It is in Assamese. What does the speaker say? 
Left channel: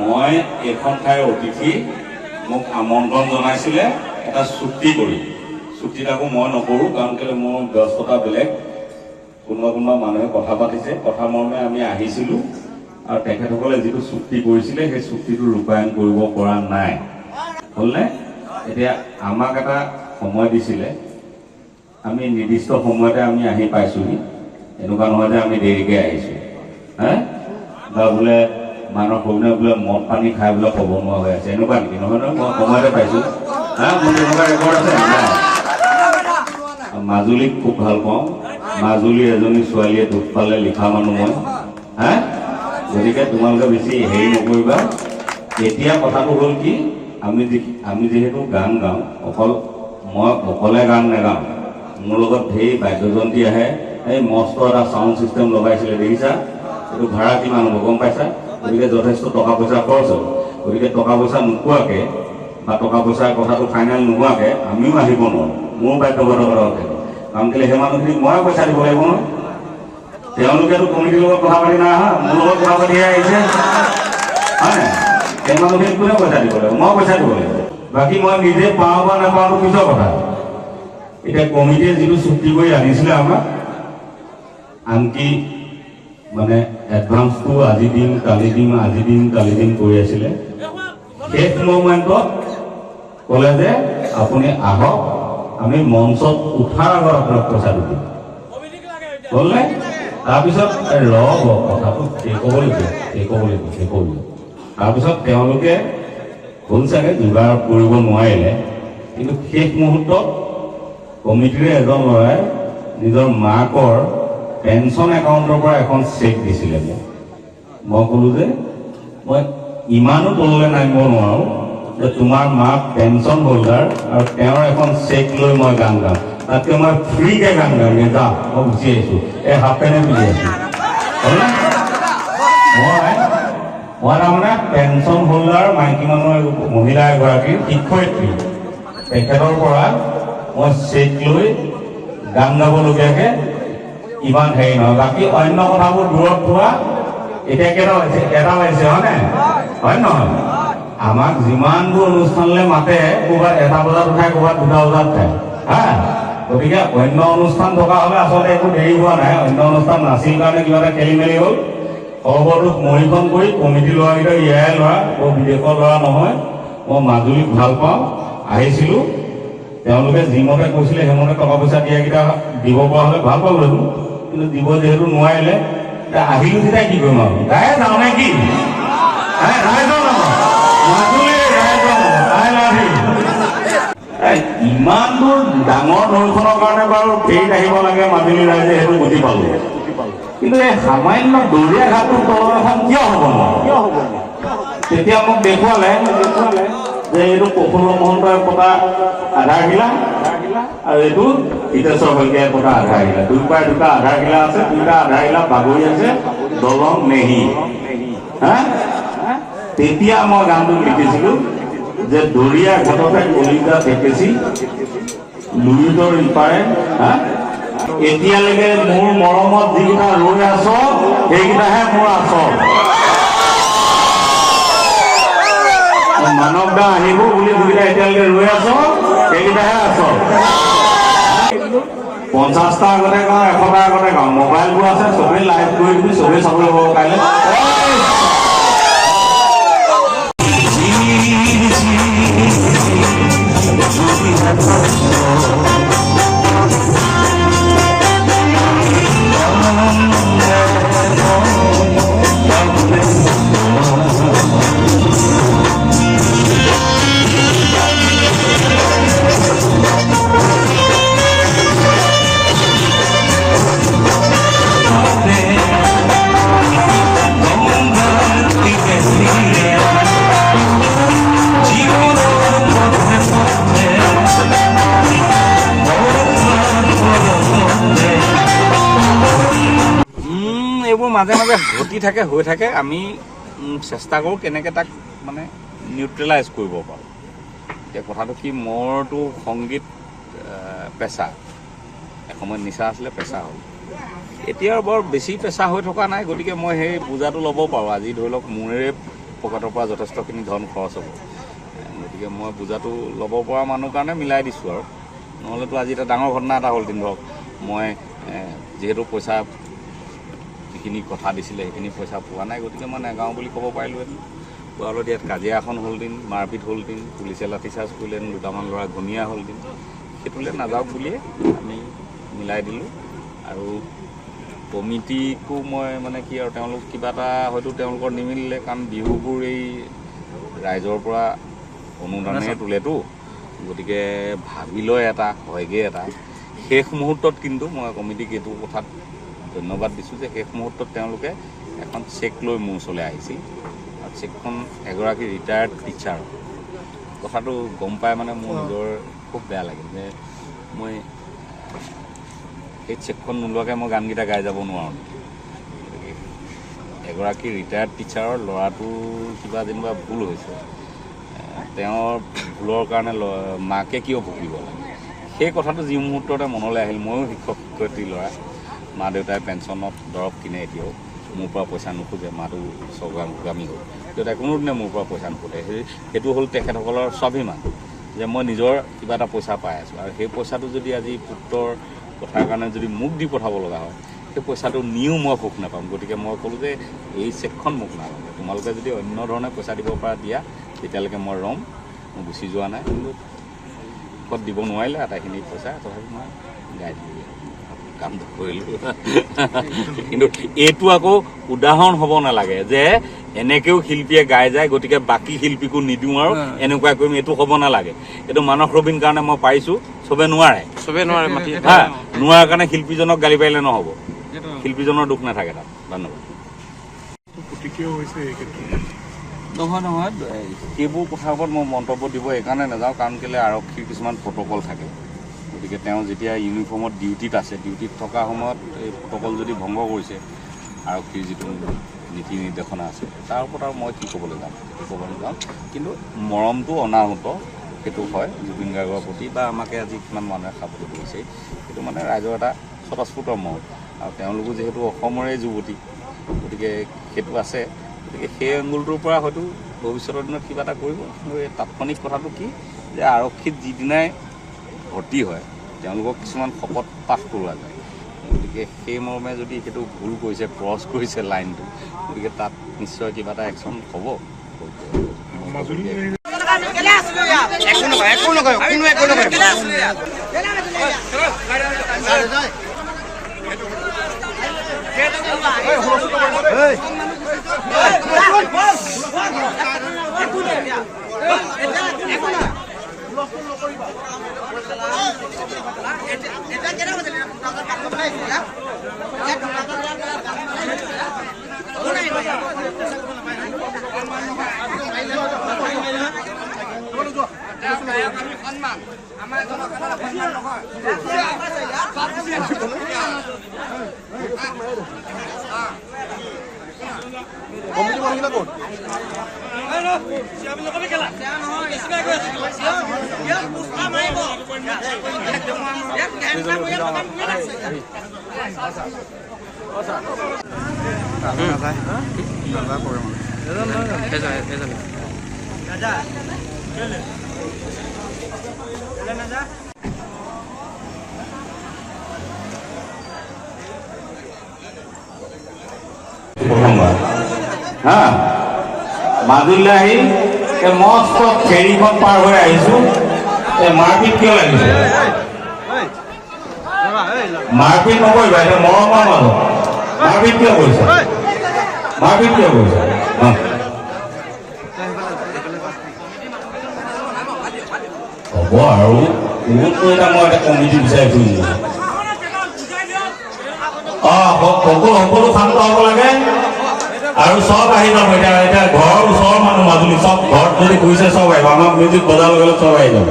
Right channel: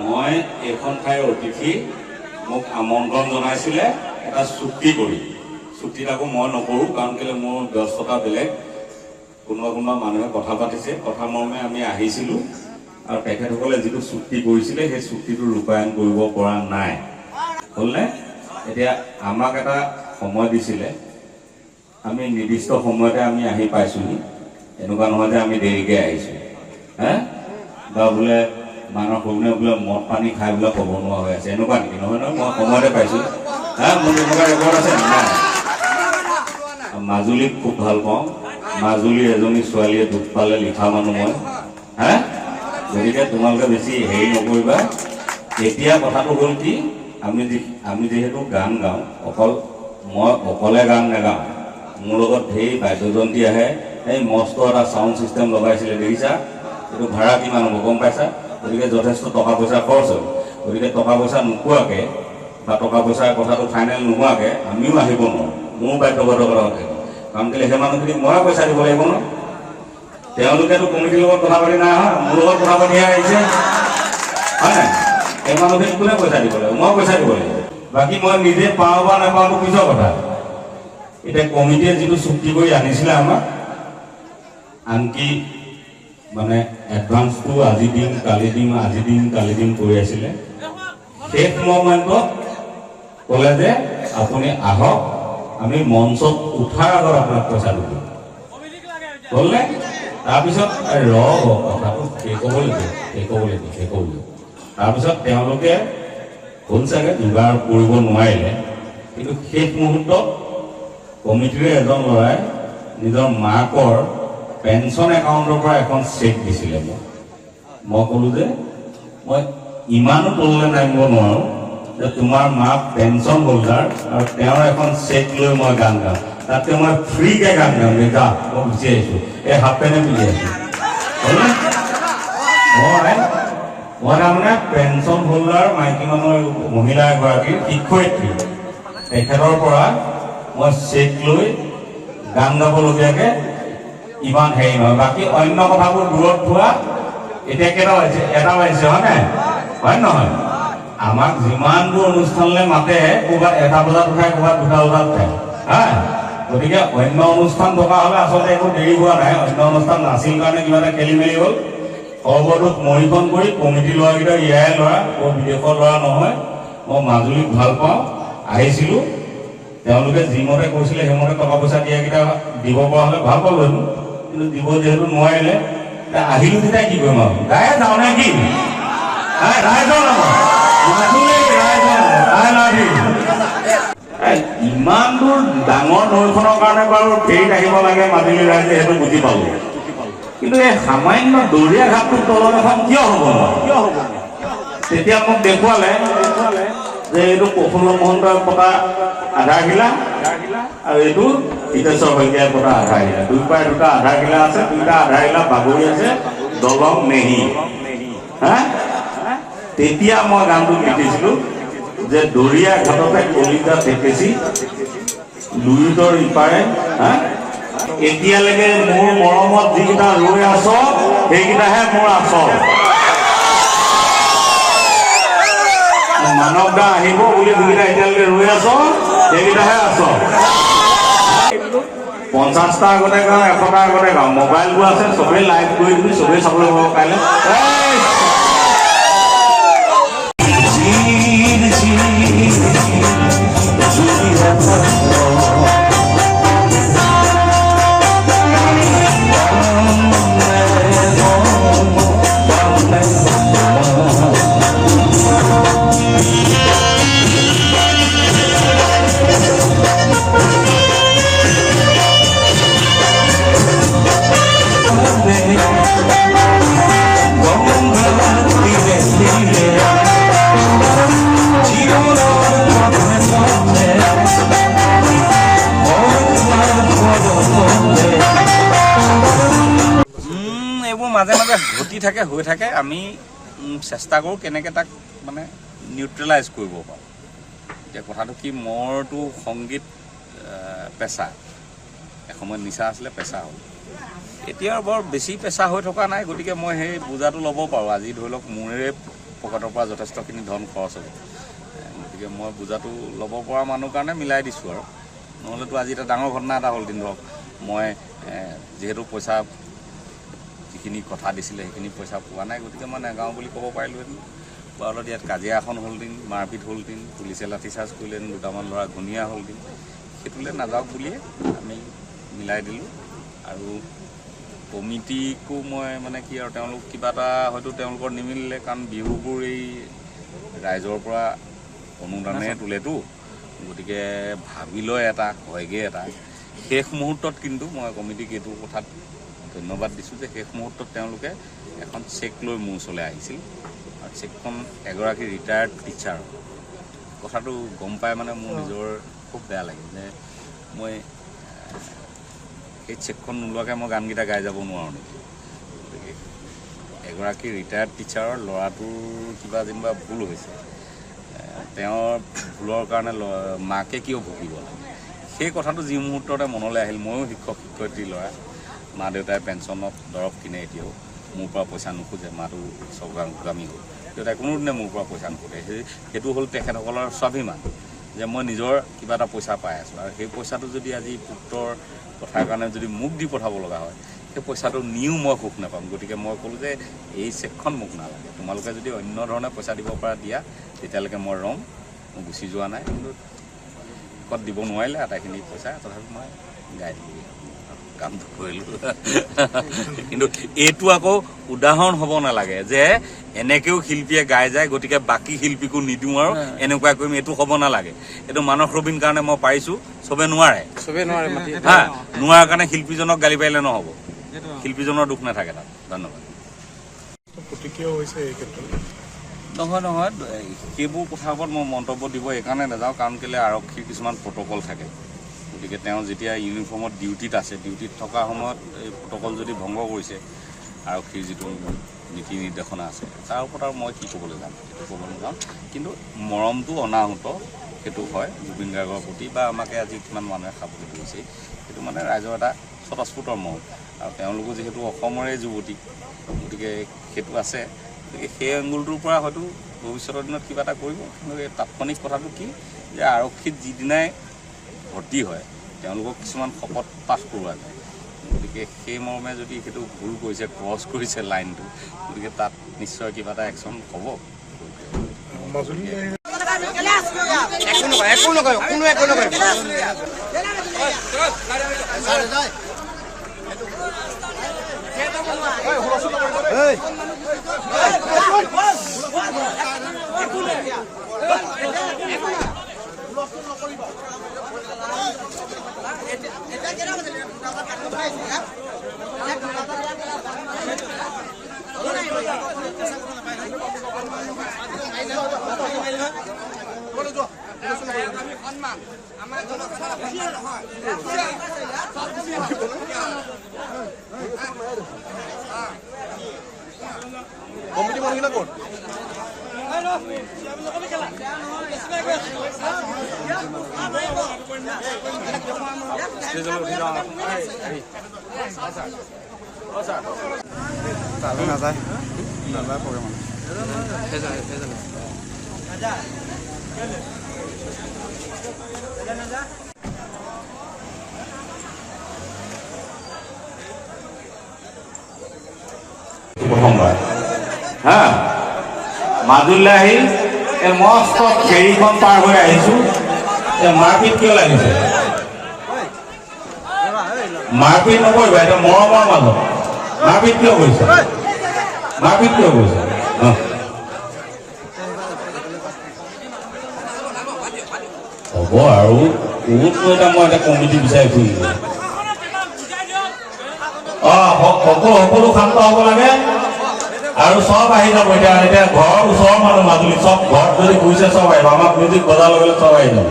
মই এইখন ঠাইৰ অতিথি মোক আমন্ত্ৰণ জনাইছিলে এটা চুক্তি কৰি চুক্তিত আকৌ মই নকৰোঁ কাৰণ কেলৈ মোৰ ব্যস্ততা বেলেগ কোনোবা মানুহে কথা পাতিছে কথা মৰ্মে আমি আহিছিলোঁ আৰু তেখেতসকলে যিটো চুক্তি কৰিছিলে সেই চুক্তিটো ৰূপায়ণ কৰিব পৰা নাই হ'লনে এতিয়া আমাক এটা সময় দিছিলে আমি নিৰ্দিষ্ট সময়তে আমি আহি পাইছোঁহি এনেকুৱা নহয় যে আমি দেৰিকৈ আহিছোঁ বা বোলে মানুহৰ সৰুনে বোলে মদ পানী খাই বোলে ক'ব নোৱাৰা হৈ আছে এনেকুৱা নেকি নহয় নহয় মই সময়তে পাইছোঁ মোৰ এনেকুৱা ৰেকৰ্ড আছে নাই মাজুলীক খুব ভাল পাওঁ মাজুলীৰ এজনী ছোৱালীয়ে দুখ পালে লিখা মানুহ মই গতিকে তোমালোকে বেছি হেৰি নকৰিবা এতিয়া কথাটো হ'ল কি আমি যিহেতু গান গাওঁ মই অকলে গান নাগাওঁ মোৰ লগত ঢেৰ বাদ্যযন্ত্ৰী আহে এই মস্ত এটা চাউণ্ড ছিষ্টেম লগাইছিলে দেখিছা এইটো ভাড়া কিমান হ'ব গম পাইছা গতিকে যথেষ্ট টকা পইচা খৰচ হ'ল গতিকে টকা পইচা নোপোৱাকৈ বা টকা পইচাৰ কথাটো ফাইনেল নোহোৱাকৈ আমিও আহিব নোৱাৰোঁ মোৰ বাধ্যবাধকতা থাকে কাৰণ কেলৈ সেই মানুহখিনিক মই পইচা দিব লাগিব ন তেওঁলোকেতো কমিটিৰ লগত কথা পাতি নাই অহা মোৰ লগত কথা পাতিহে আহিছে হয় সেই মানুহখিনিক কোনে পইচা দিব লাগিব মই পইচা দিব লাগিব বাকী মই নিজে পাওঁ বা নাপাওঁটো পিছৰ কথা এতিয়া কমিটিয়ে যিটো চুক্তি কৰি আনিছিলে আমাক আনকি মানে এডভান্সটো আজি দিম কালি দিম কৰি আছিলে শেষ মমেণ্টত ক'লে যে আপুনি আহক আমি মঞ্চত উঠাৰ আগত আপোনাক পইচাটো দিম ক'লে তাৰপিছত ৰ'ব কথাটো সেই ক'বলৈ তাৰপিছত তেওঁলোকে হ'ল চাগে যোগাৰ কৰিব নোৱাৰিলে কিন্তু শেষ মুহূৰ্তত কমিটিৰে এজন ল'ৰাই নিজৰ মাকৰ পেঞ্চন একাউণ্টৰ পৰা এখন চেক দিছিলে মই ক'লোঁ যে মই ইমানো তললৈ নামিব নোৱাৰোঁ যে তোমাৰ মাক পেঞ্চন হোল্ডাৰ আৰু তেওঁৰ এখন চেক লৈ মই গান গাওঁ তাতকৈ মই ফ্ৰীকৈ গান গাম যা মই গুচি আহিছোঁ এই হাফ পেণ্টে পিন্ধি আছোঁ হ'লনে মই তাৰমানে পেঞ্চন হোল্ডাৰ মাইকী মানুহৰ মহিলা এগৰাকীৰ শিক্ষয়িত্ৰী তেখেতৰ পৰা মই চেক লৈ গান গাবলগীয়াকৈ ইমান হেৰি নহয় বাকী অন্য কথাবোৰ দূৰত থোৱা এতিয়া কেইটা বাজিছে এটা বাজিছে হয় নহয় আমাক যিমানবোৰ অনুষ্ঠানলৈ মাতে ক'ৰবাত 1 বজাত উঠাই ক'ৰবাত 2 বজাত উঠায় গতিকে অন্য অনুষ্ঠান থকা হ'লে আচলতে একো দেৰি হোৱা নাই অন্য অনুষ্ঠান নাছিল কাৰণে কিবা এটা খেলি মেলি হ'ল সৰ্বদোষ মৰিখন কৰি কমিটি ল'ৰাকেইটা ইয়াৰে ল'ৰা বিদেশৰ ল'ৰা নহয় মই মাজুলীক ভাল পাওঁ আহিছিলোঁ তেওঁলোকে যিমতে কৈছিলে সেইমতে টকা পইচা দিয়াকেইটা দিব পৰা হ'লে ভাল পালোঁ কিন্তু দিব যিহেতু নোৱাৰিলে আহিলোঁ তেতিয়া কি কৰিম আৰু গায়ে যাওঁ নে কি ইমান দূৰ ডাঙৰ নৈখনৰ কাৰণে বাৰু ফেৰীত আহিব লাগে মাজুলী ৰাইজে সেইটো বুজি পালোঁ কিন্তু এই সামান্য দৰিয়া ঘাটটোৰ তলৰ এখন কিয় হ'ব তেতিয়া মোক দেখুৱালে যে এইটো প্ৰফুল্ল মহন্তই পতা আধাৰশিলা আৰু এইটো হিতেশ্বৰ শইকীয়াই পতা আধাৰশিলা দুয়োপাৰে দুটা আধাৰশিলা আছে দুটা আধাৰশিলা বাগৰি আছে দলং নেহি তেতিয়া মই গানটো লিখিছিলোঁ যে দৰিয়া ঘাটতে কলিতা ঠেকেচি লুইতৰ ইপাৰে এতিয়ালৈকে মোৰ মৰমত যিকেইটা ৰৈ আছ সেইকেইটাহে মোৰ আচল মানৱ দা আহিব বুলি যিকেইটা এতিয়ালৈকে ৰৈ আছ সেইকেইটাহে আচল 50টা আগতে গাওঁ 100টা আগতে গাওঁ মোবাইলবোৰ আছে চবেই লাইভ কৰি দিবি চবেই চাবলৈ পাব কাইলৈ মাজে মাজে ঘটি থাকে হৈ থাকে আমি চেষ্টা কৰোঁ কেনেকৈ তাক মানে নিউট্ৰেলাইজ কৰিব পাৰোঁ এতিয়া কথাটো কি মোৰতো সংগীত পেচা এসময়ত নিচা আছিলে পেচা হ'ল এতিয়া বৰ বেছি পেচা হৈ থকা নাই গতিকে মই সেই বোজাটো ল'ব পাৰোঁ আজি ধৰি লওক মোৰে পকেটৰ পৰা যথেষ্টখিনি ধন খৰচ হ'ব। গতিকে মই বোজাটো ল'ব পৰা মানুহৰ কাৰণে মিলাই দিছোঁ আৰু, নহ'লেতো আজি এটা ডাঙৰ ঘটনা এটা হ'ল। ধৰক মই যিহেতু পইচা যিখিনি কথা দিছিলে সেইখিনি পইচা পোৱা নাই, গতিকে মই নেগাওঁ বুলি ক'ব পাৰিলোঁহেঁতেন। পোৱালত ইয়াত কাজিয়া এখন হ'ল দিন, মাৰপিট হ'ল দিন, পুলিচে লাঠিচাৰ্জ কৰিলেন, দুটামান ল'ৰা ঘূণীয়া হ'ল দিন, সেইটোলৈ নাযাওক বুলিয়ে আমি মিলাই দিলোঁ। আৰু কমিটিকো মই মানে কি আৰু, তেওঁলোক কিবা এটা হয়তো তেওঁলোকৰ নিমিলিলে, কাৰণ বিহুবোৰ এই ৰাইজৰ পৰা অনুদানেৰে তোলেতো, গতিকে ভাবি লয় এটা, হয়গৈ এটা। শেষ মুহূৰ্তত কিন্তু মই কমিটিক এইটো কথাত ধন্যবাদ দিছোঁ যে শেষ মুহূৰ্তত তেওঁলোকে এখন চেক লৈ মোৰ ওচৰলৈ আহিছিল, আৰু চেকখন এগৰাকী ৰিটায়াৰ্ড টিচাৰ। কথাটো গম পাই মানে মোৰ নিজৰ খুব বেয়া লাগিল যে মই সেই চেকখন নোলোৱাকৈ মই গানকেইটা গাই যাব নোৱাৰোঁ নেকি। এগৰাকী ৰিটায়াৰ্ড টিচাৰৰ ল'ৰাটোৰ কিবা যেনিবা ভুল হৈছে, তেওঁৰ ভুলৰ কাৰণে মাকে কিয় ভুগিব লাগে, সেই কথাটো যি মুহূৰ্ততে মনলৈ আহিল। ময়ো শিক্ষক শিক্ষয়িত্ৰী ল'ৰা, মা দেউতাই পেঞ্চনত দৰৱ কিনে, এতিয়াও মোৰ পৰা পইচা নোখোজে। মাটো চৰকাৰগামী হ'ল, দেউতাই কোনোদিনে মোৰ পৰা পইচা নোখোজে। সেইটো হ'ল তেখেতসকলৰ স্বাভিমান যে মই নিজৰ কিবা এটা পইচা পাই আছোঁ, আৰু সেই পইচাটো যদি আজি পুত্ৰৰ কথাৰ কাৰণে যদি মোক দি পঠাব লগা হয়, সেই পইচাটো নিও মই সুখ নাপাম। গতিকে মই ক'লোঁ যে এই চেকখন মোক নালাগে, তোমালোকে যদি অন্য ধৰণে পইচা দিব পৰা দিয়া তেতিয়ালৈকে মই ৰ'ম, মই গুচি যোৱা নাই। কিন্তু ক'ত দিব নোৱাৰিলে আটাইখিনি পইচা, তথাপি মই গাই দিলোঁ, কামটো কৰিলোঁ। কিন্তু এইটো আকৌ উদাহৰণ হ'ব নালাগে যে এনেকৈও শিল্পীয়ে গাই যায়, গতিকে বাকী শিল্পীকো নিদিওঁ আৰু এনেকুৱা কৰিম, এইটো হ'ব নালাগে। এইটো মানস ৰবীন কাৰণে মই পাৰিছোঁ, চবে নোৱাৰে, হা, নোৱাৰাৰ কাৰণে শিল্পীজনক গালি পাৰিলে নহ'ব, শিল্পীজনৰ দুখ নাথাকে তাত। ধন্যবাদ। নহয়, সেইবোৰ কথাৰ ওপৰত মই মন্তব্য দিব এইকাৰণে নাযাওঁ, কাৰণ কেলৈ আৰক্ষীৰ কিছুমান প্ৰট'কল থাকে। গতিকে তেওঁ যেতিয়া ইউনিফৰ্মত ডিউটিত আছে, ডিউটিত থকা সময়ত এই প্ৰট'কল যদি ভংগ কৰিছে, আৰক্ষীৰ যিটো নীতি নিৰ্দেশনা আছে, তাৰ ওপৰত আৰু মই কি ক'বলৈ যাম, ক'বলৈ যাওঁ। কিন্তু মৰমটো অনাহুত সেইটো হয় জুবিন গাৰ্গৰ প্ৰতি, বা আমাকে আজি কিমান মানুহে খাবলৈ ধৰিছে, সেইটো মানে ৰাইজৰ এটা স্বতঃস্ফূৰ্ত মৰম। আৰু তেওঁলোকো যিহেতু অসমৰে যুৱতী, গতিকে সেইটো আছে। গতিকে সেই এংগুলটোৰ পৰা হয়তো ভৱিষ্যতৰ দিনত কিবা এটা কৰিব। কিন্তু এই তাৎক্ষণিক কথাটো কি যে আৰক্ষীত যিদিনাই ভৰ্তি হয় তেওঁলোকক কিছুমান শপত পাঠ কৰোৱা যায়, গতিকে সেই মৰ্মে যদি সেইটো ভুল কৰিছে, ক্ৰছ কৰিছে লাইনটো, গতিকে তাত নিশ্চয় কিবা এটা একশ্যন হ'ব। প্ৰথমবাৰ হা মাজুলীলৈ আহি এই মস্ত ফেৰীখন পাৰ হৈ আহিছোঁ। এই মাৰপিট কিয় লাগিছে? মাৰপিট নকৰিবা, এটা মৰমৰ মানুহ। মাৰপিট কিয় কৰিছে? মাৰপিট কিয় কৰিছে? হ'ব আৰু বহুতো এটা মই এটা কমিটি বিচাৰি ফুৰিছোঁ। সকলো শান্ত হ'ব লাগে আৰু চব আহি যাব। এতিয়া ঘৰৰ ওচৰৰ মানুহ মাজুলী চব ঘৰত যদি ঘূৰিছে চব আহিব, আমাক মিউজিক বজাৰ লগে চব আহি যাব।